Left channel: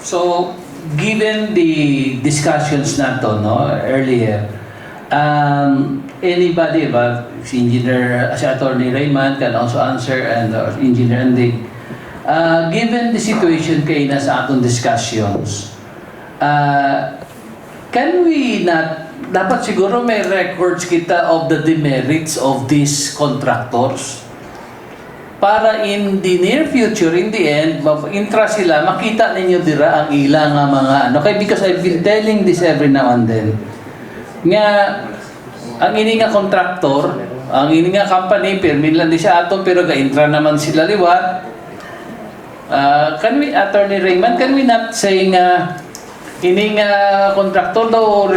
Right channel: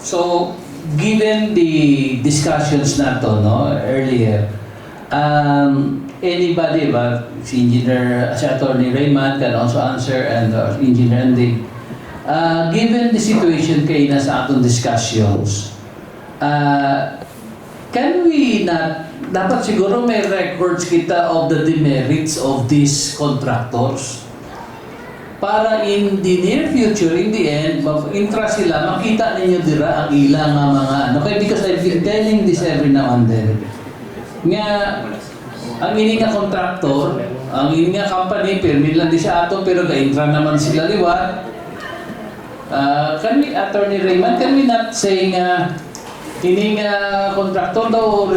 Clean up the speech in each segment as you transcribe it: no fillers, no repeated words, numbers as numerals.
So, given the discussions nato no, earlier, anybody ba, si Engineer, si Attorney Raymond can also answer and Engineer Andy. Given the situation kay na sa atong discussions, can we not, dapat siguro may records kita of the demerits of these contractors para in the near future, in the end, intra sila, makita ninyo dira ang ilang nga mga ano. Kaya because I've been telling this every now and then, nga, ang ini nga contractor, ang ini nga company, permit lang di siya ato, pero ga-intra naman sila liwat. Can we, Attorney Raymond, can we not say nga, ini nga contractor daw,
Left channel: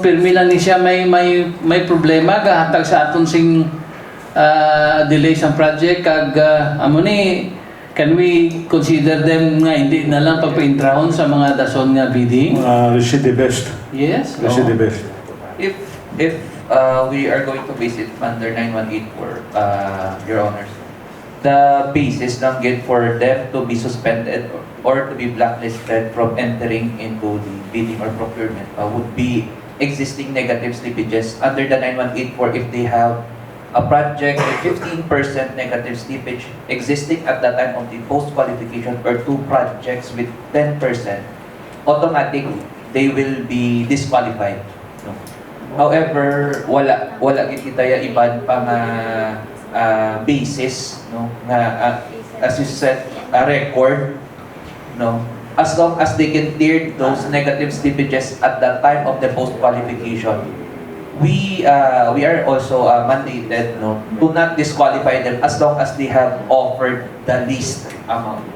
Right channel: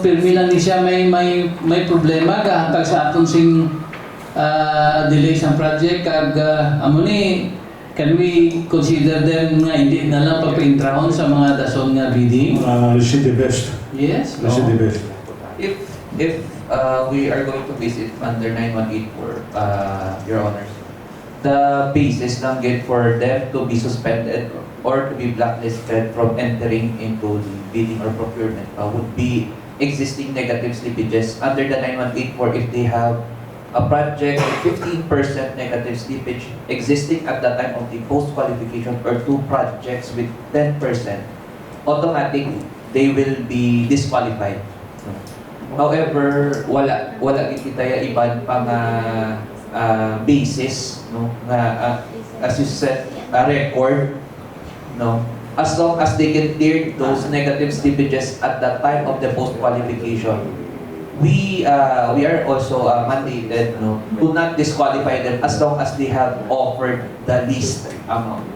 permit lang di siya may problema, gahatag sa aton sing delay sa project kag amo ni, can we consider them nga hindi na lang pagpaintrahon sa mga dason nga bidding? Receive the best. Yes. Receive the best. If we are going to base it under 9184, Your Honors, the basis lang get for them to be suspended or to be blacklisted from entering into the bidding or procurement would be existing negative slippages under the 9184 if they have a project with 15% negative slippage existing at the time of the post-qualification or two projects with 10%, automatically, they will be disqualified. However, wala kita ya iban pa nga basis, no, na as you said, a record, no, as long as they can clear those negative slippages at the time of the post-qualification. We are also mandated, no, to not disqualify them as long as they have offered the least amount.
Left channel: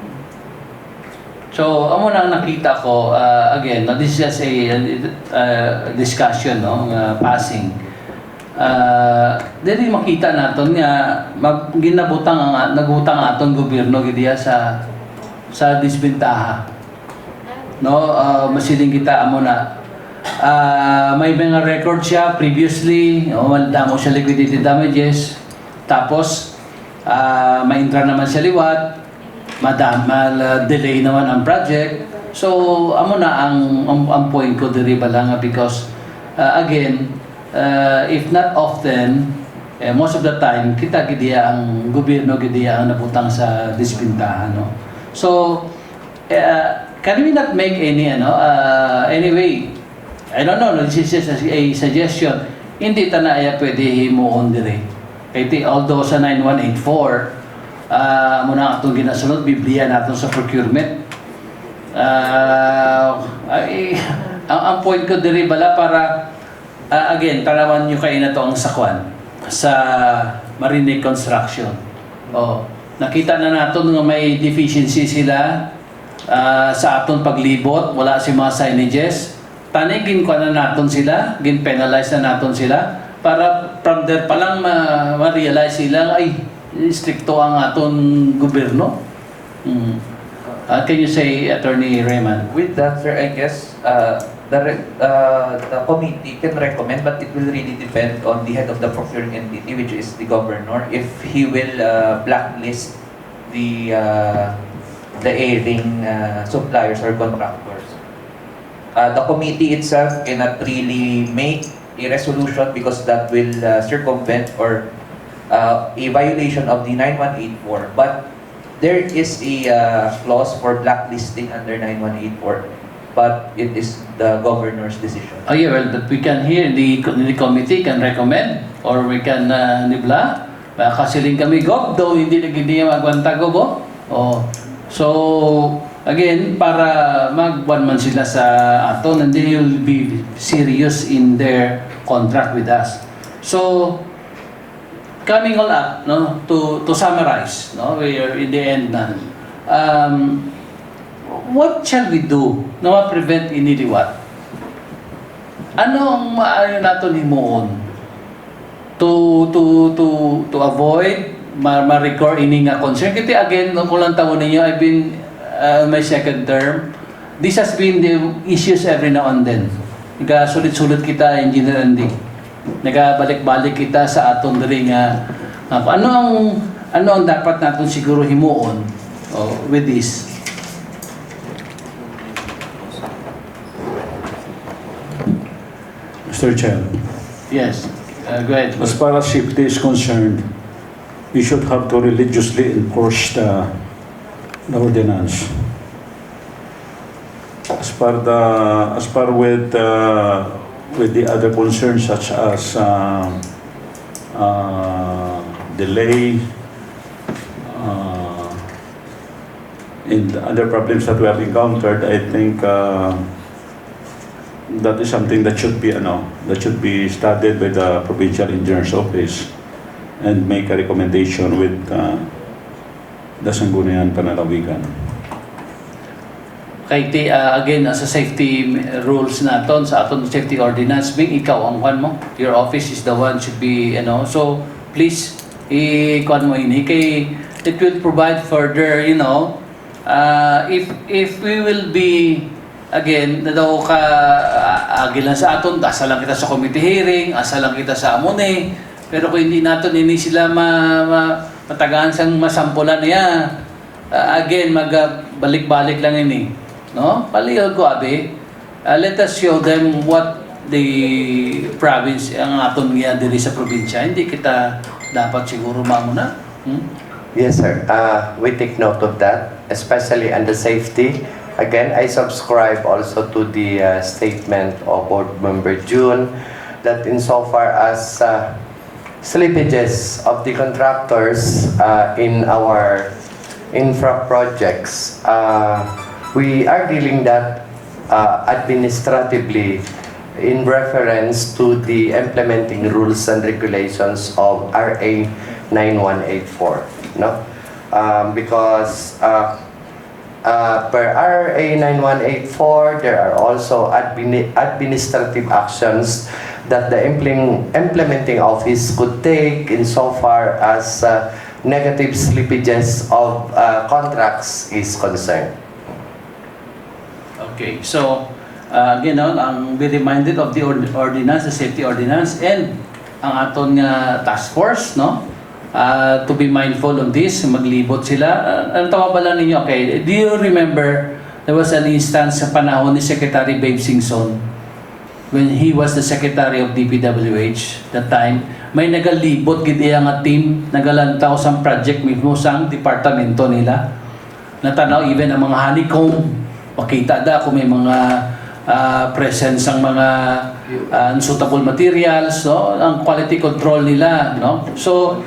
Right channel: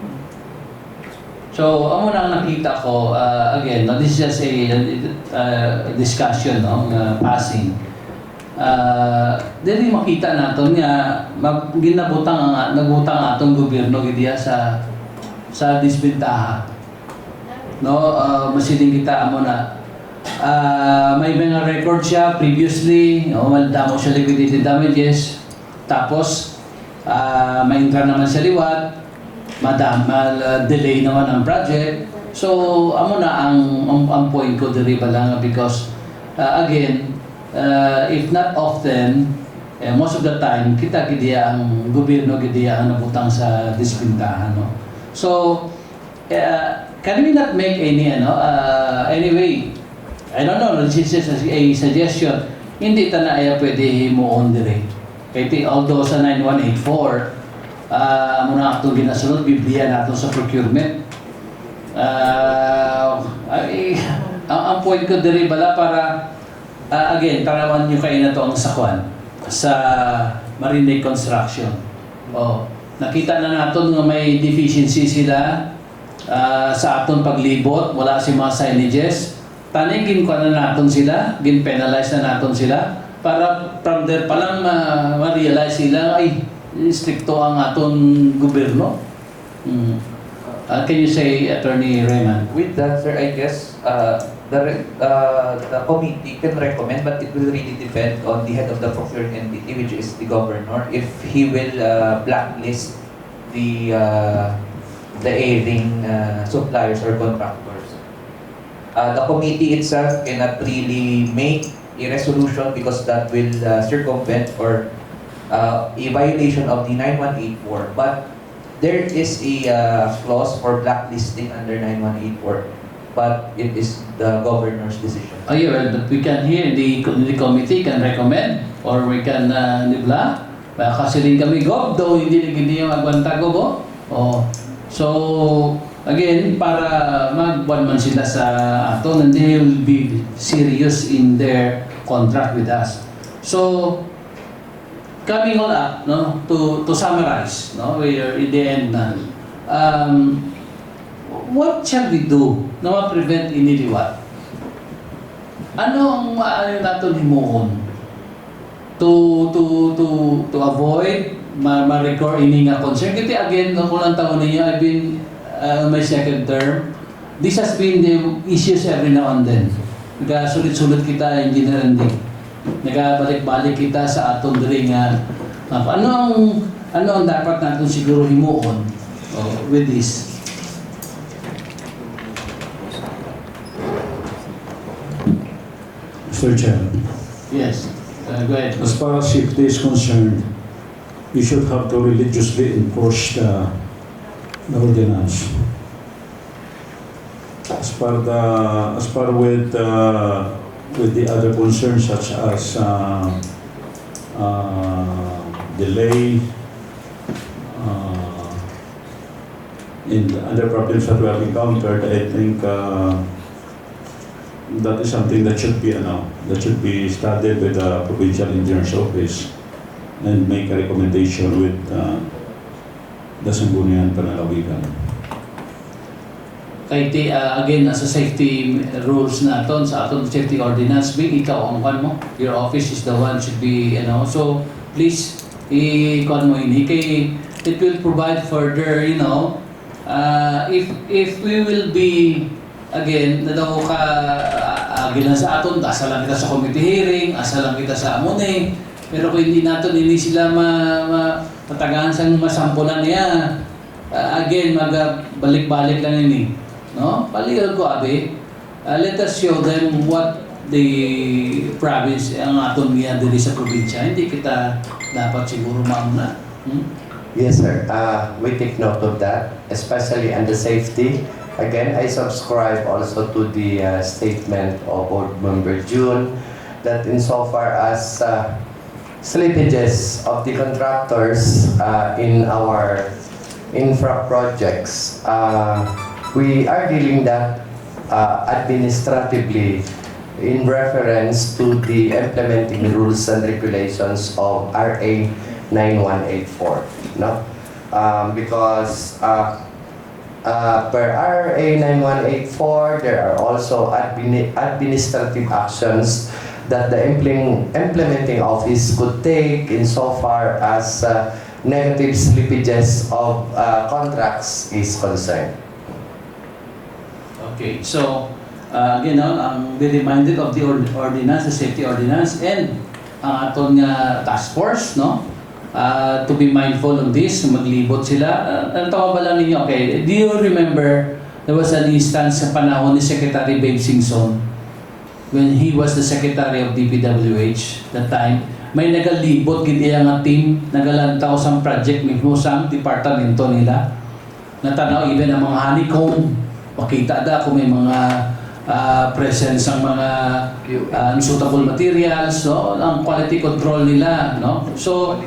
So, amo na nakita ko, again, no, this is just a discussion, no, passing. Dili makita naton nga nagutang aton gobyerno gidiya sa disbentaha. No, masiling kita amo na may mga record siya previously, wala mo siya liquidated damages, tapos ma-intra naman siya liwat, delay naman ang project. So, amo na ang point ko diri ba lang because again, if not often, most of the time, kita gidiya ang gobyerno gidiya ang nabutang sa disbentahan, no? So, can we not make any anyway, I don't know, this is just a suggestion. Hindi ta na ay pwede himuon dire. Kaya although sa 9184, muna atong ginasunod, Biblia natin sa procurement. Ang point ko dire bala para, again, parawan nyo kayo na to ang sakwan sa Marine Construction. Nakita na natin nga may deficiency sila sa aton paglibot, wala si mga signages. Tanigin ko na natin sila, gin-penalize na natin sila para from there pa lang ma-realize sila ay stricto ang aton gobyerno. Can you say, Attorney Raymond? With that, sir, I guess the committee can recommend, but it will really depend on the head of the procuring entity, which is the governor, if he will blacklist the erring suppliers or contractors. The committee itself cannot really make a resolution because that will circumvent or a violation of the 9184. But there is a clause for blacklisting under 9184, but it is the governor's decision. Oh yeah, well, we can hear the committee can recommend or we can nibla. Kasi rin kami go, though hindi magwanta go. So, again, para magbuwan man sila sa aton and they will be serious in their contract with us. So, coming all up, no, to summarize, no, we are in the end na. What shall we do na ma-prevent iniliwat? Ano ang natin himuon to avoid ma-record ini nga concern? Kasi again, nung kulang taon ninyo, I've been my second term, this has been the issues every now and then. Nagkasulit-sulit kita, Engineer Andy. Nagabalik-balik kita sa atong dali nga ano ang dapat natin siguro himuon with this. Mr. Chair, Yes. Go ahead. as far as safety is concerned, we should have to religiously enforce the ordinance. As far with the other concerns such as delay in the other problems that we have encountered, I think that is something that should be studied by the provincial engineer's office and make a recommendation with the Sangguniang Panalawigan. Kay again, sa safety rules naton sa aton safety ordinance, bing ikaw ang one mo. Your office is the one should be, so please, i-kuan mo ini kay it will provide further, if we will be, again, na daw ka agilan sa aton, asa lang kita sa committee hearing, asa lang kita sa amone, pero kung hindi naton ini sila matatagaan sang masampulan niya, again, balik-balik lang ini. No? Palihog ko, abi. Let us show them what the province, ang aton nga diri sa probinsya. Hindi kita dapat siguro mamuna. Yes, sir. We take note of that, especially on the safety. Again, I subscribe also to the statement of Board Member June that insofar as slippages of the contractors in our infra projects, we are dealing that administratively in reference to the implementing rules and regulations of RA 9184, no? Because per RA 9184, there are also administrative actions that the implementing office could take insofar as negative slippages of contracts is concerned. Okay, so, be reminded of the ordinance, the safety ordinance, and ang aton nga task force, no? To be mindful of this, maglibot sila. Ang tawag ba lang ninyo? Okay, do you remember there was an instance sa panahon ni Secretary Babe Singson when he was the Secretary of DPWH that time, may nagalibot gid iya nga team, nagalantaw sa project mismo sa departamento nila. Natanaw even ang mga honeycomb, makita da kung may mga presence ang mga unsuitable materials, no? Ang quality control nila, no? So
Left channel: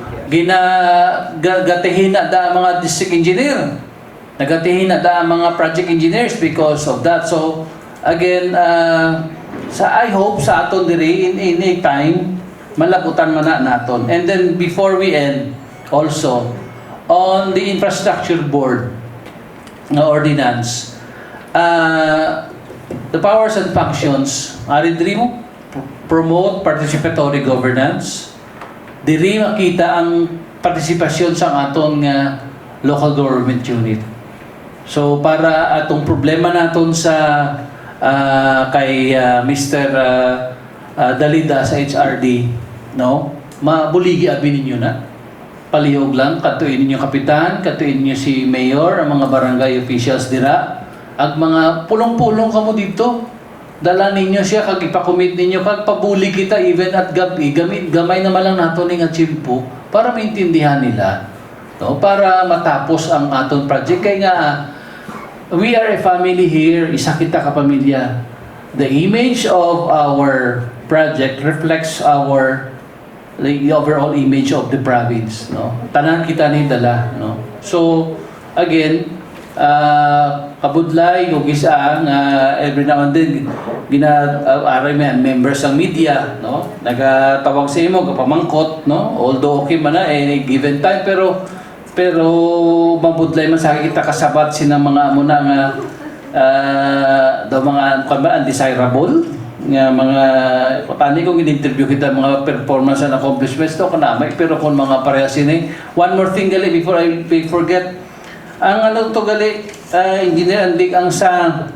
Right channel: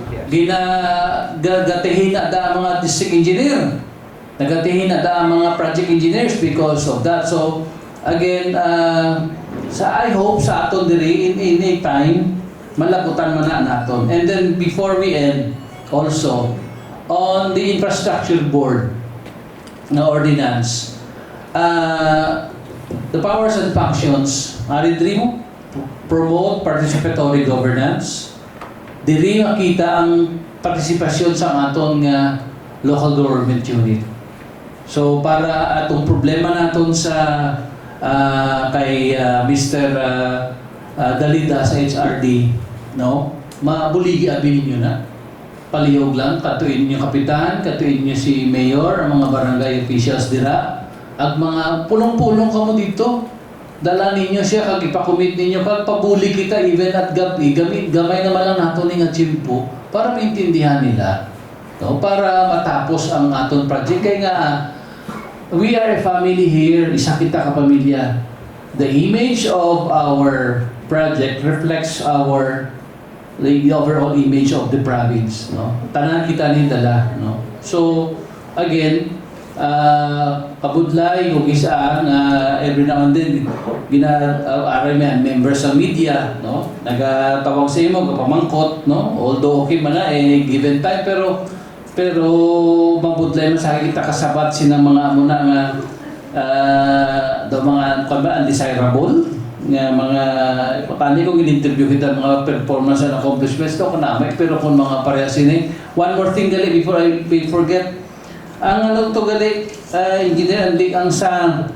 gatihina da ang mga district engineer, nagatihina da ang mga project engineers because of that. So again, I hope sa aton diri in any time malagutan man na naton. And then before we end, also on the infrastructure board na ordinance, the powers and functions ari diri mo promote participatory governance. Diri makita ang partisipasyon sa atong local government unit. So para atong problema naton sa kay Mr. Dalida sa HRD, no? Mabuligi abi ninyo na. Palihog lang, katuin ninyo kapitan, katuin ninyo si mayor, ang mga barangay officials dira, at mga pulong-pulong kamo dito. Dala ninyo siya, kag ipakumit ninyo, kag pabuli kita even at gabi, gamay naman lang nato ning atsimpo para maintindihan nila. No? Para matapos ang aton project. Kaya nga, we are a family here, isa kita kapamilya. The image of our project reflects the overall image of the province, no? Tanan kita ni dala, no? So again, kabudlay yung isa na every now and then aray may members sa media, no? Nagatawag sa imo kapamangkot, no? Although okay man na given time, pero mabudlay man sa kita kasabat sinang mga muna nga mga undesirable nga mga paano kung in-interview kita mga performance and accomplishments to kanamay, pero kung mga parehas ini. One more thing gali before I forget, ang to gali engineer ang sa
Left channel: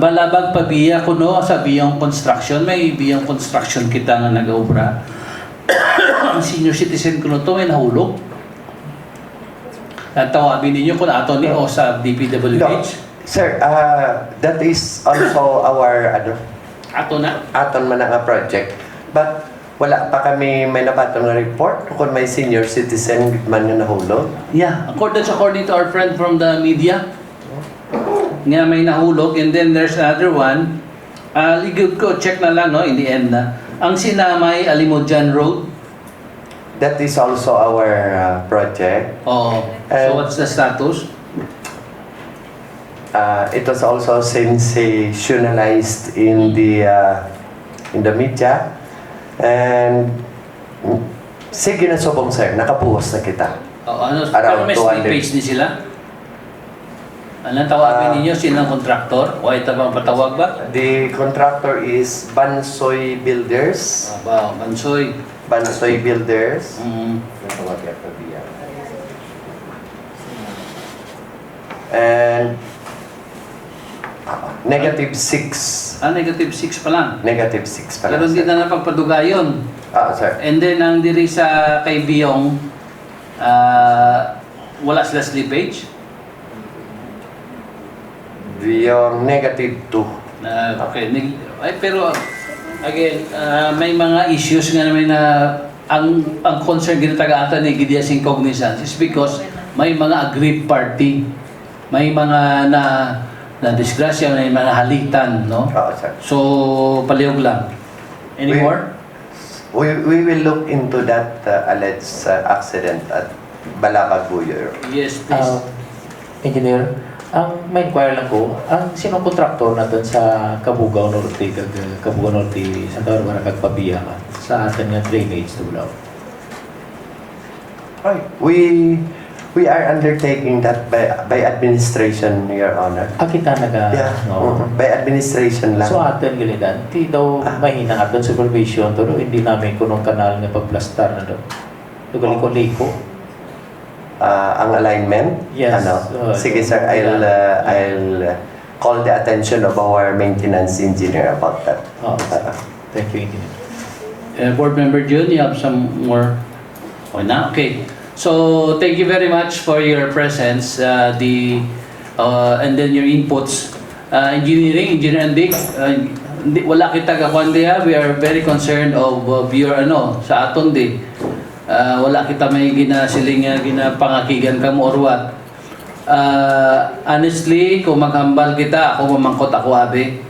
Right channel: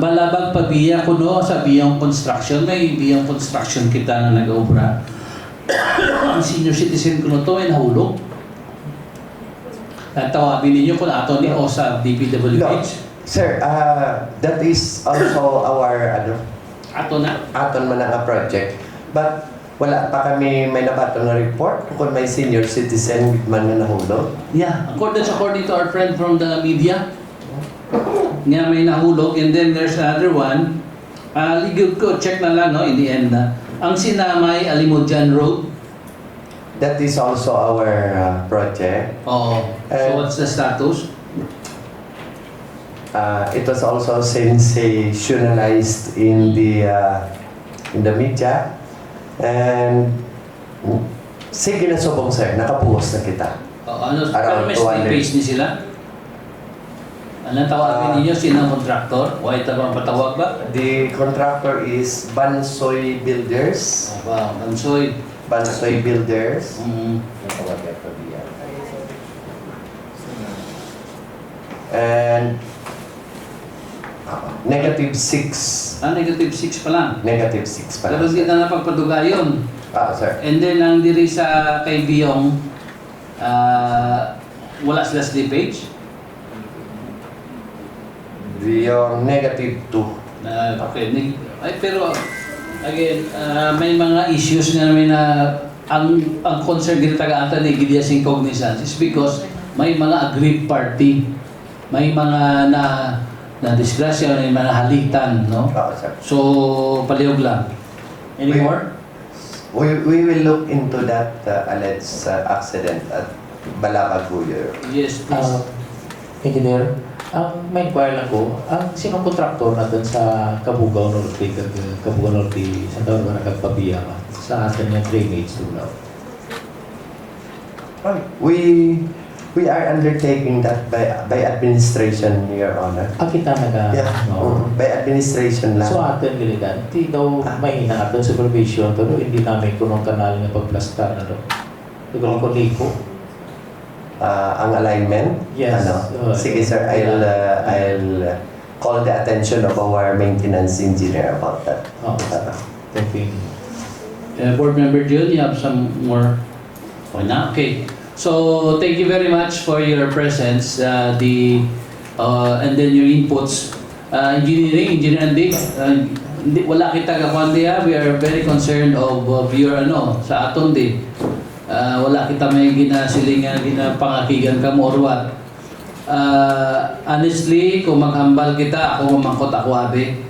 balabag pabiya kuno sa biyang construction, may biyang construction kita na nag-obra. Ang senior citizen kuno to ay nahulog. At tawagin ninyo kung ato ni o sa DPWH. No. Sir, that is also our Ato na. aton man nga project. But wala pa kami may nabato na report kung may senior citizen man na nahulog. Yeah, according to our friend from the media, nga may nahulog, and then there's another one. Ligod ko, check na lang, no, in the end na. Ang Sinamay Alimodjan Road. That is also our project. Oh, so what's the status? It was also sensationalized in the media. And sige na subong sir, nakapuhos na kita. Ano, pero Around may 200. page ni sila? Anong tawagin ninyo? Sinang kontraktor? O ito bang patawag ba? The contractor is Bansoy Builders. Mansoy. Bansoy Builders. And negative 6. Negative 6 pa lang. Negative 6 pala. Pero hindi na napagpaduga yun. Sir. And then, ang diri sa kay Biyong, wala sila slippage. Yung negative 2. Okay. Pero, again, may mga issues nga naman na ang concern din taga-ata ni Gideas Incognizance is because may mga aggrieved party. May mga na disgrasya, may mga halitan, no? Sir. So, palihog lang. Any We- more? We will look into that alleged accident at Balabaguyo. Yes, please. Engineer, may inquire lang ko, sinong kontraktor na doon sa Cabugao Norte, Cabugao Norte, Santa Barbara, Kagpabiya sa atin yung drainage tulaw? We are undertaking that by administration, Your Honor. Kita naga, Yeah, no? by administration lang. So atin gilitan, di daw mahina aton supervision, pero hindi namin kunong kanal nga pagplastar na doon. Lugar ko liko. Ang alignment? Yes. Sige sir, I'll call the attention of our maintenance engineer about that. Thank you, Engineer. Board Member Jun, you have some more? Na? Okay. So, thank you very much for your presence, and then your inputs. Engineer Andy, wala kita kakuan diya. We are very concerned of your sa aton di. Wala kita may ginasilingan, ginapangakigan ka mo or what. Honestly, kung maghambal kita, ako mamangkot ako abi.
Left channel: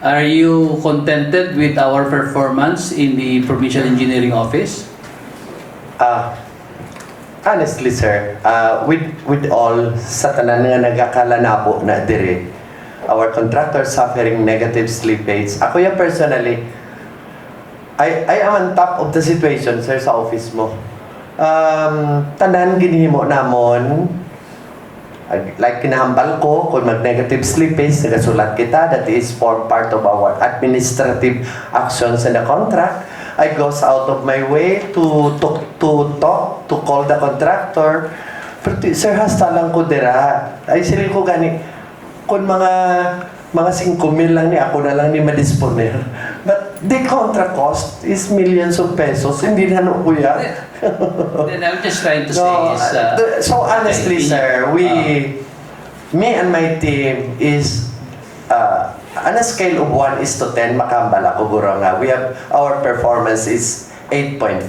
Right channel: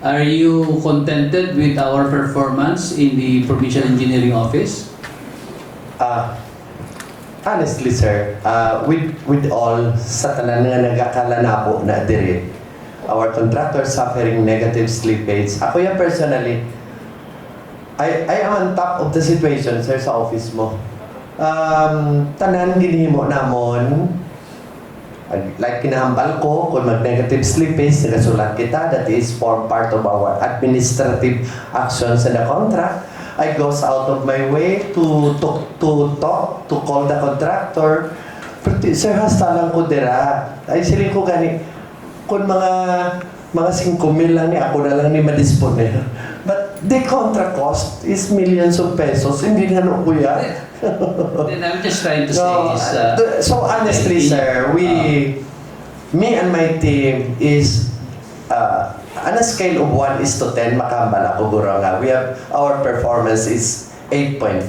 Are you contented with our performance in the Provincial Engineering Office? Honestly sir, with all sa tanan nga nagakala na po na dire, our contractor suffering negative slippage. Ako yan personally, I am on top of the situation sir sa office mo. Tanan ginihimo namon, like kinahambal ko kung mag-negative slippage, nagasulat kita, that is form part of our administrative actions in the contract. I goes out of my way to call the contractor. Pero sir, hasta lang ko dira. Ay siling ko gani, kung mga 5,000 lang ni ako na lang ni madisponer. But the contract cost is millions of pesos. Hindi na no kuya. Then I'm just trying to say is... So honestly, sir, me and my team is on a scale of 1 is to 10, makambala ko guro nga. Our performance is 8.5.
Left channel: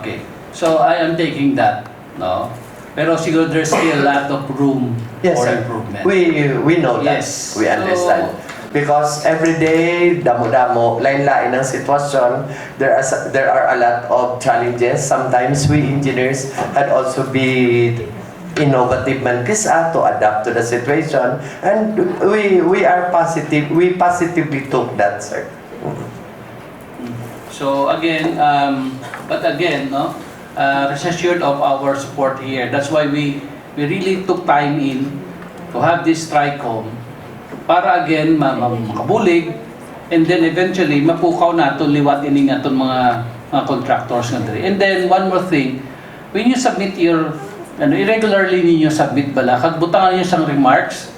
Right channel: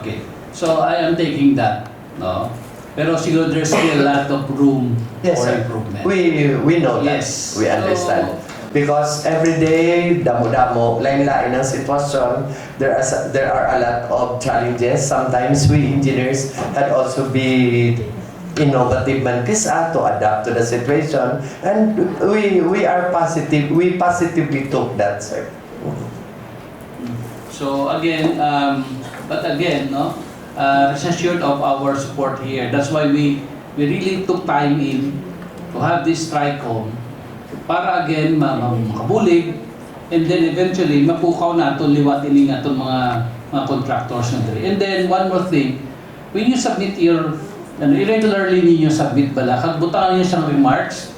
Okay. So I am taking that, no? Pero siguro there's still a lot of room Yes, for sir. improvement. We know that. Yes. We understand. Because every day, damo-damo, lain-lain ang sitwasyon. There are a lot of challenges. Sometimes we engineers had also be innovative man kisa to adapt to the situation. And we are positive. We positively took that, sir. So again, but again, no, rest assured of our support here. That's why we really took time in to have this TRICOM para again makabulig, and then eventually mapukaw naton liwat ining aton mga contractors na diri. And then one more thing, when you submit your irregularly ninyo submit bala kag butangan niyo sang remarks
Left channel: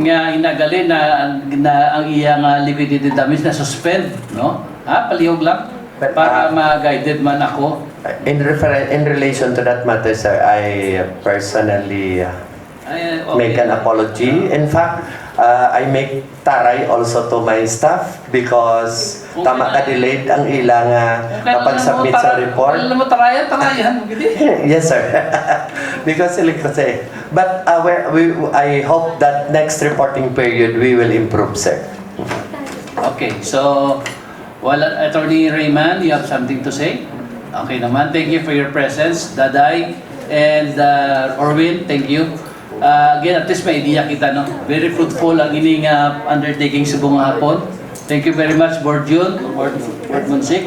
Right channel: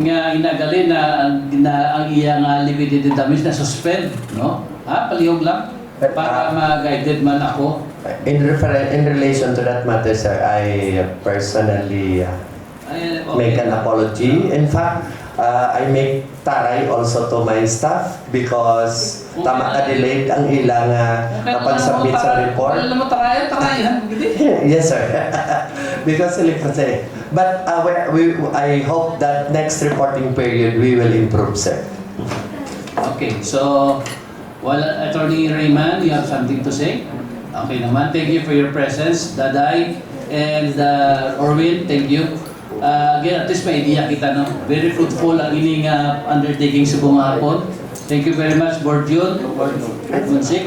nga inagali na ang iya nga liquidated damage na suspend, no? Palihog lang para ma-guided man ako. In relation to that matter, sir, I personally make an apology. In fact, I make taray also to my staff because tama ka delayed ang ilang kapag-submit sa report. Alam mo, tarayan, gidi. Yes, sir. Because kasi. But I hope that next reporting period we will improve, sir. Okay, so, Attorney Rayman, you have something to say? Okay naman, thank you for your presence, Daday, and Orwin, thank you. Again, at least may idea kita, no? Very fruitful ang ining undertaking sa buong hapon. Thank you very much, Board June, Board Munsik.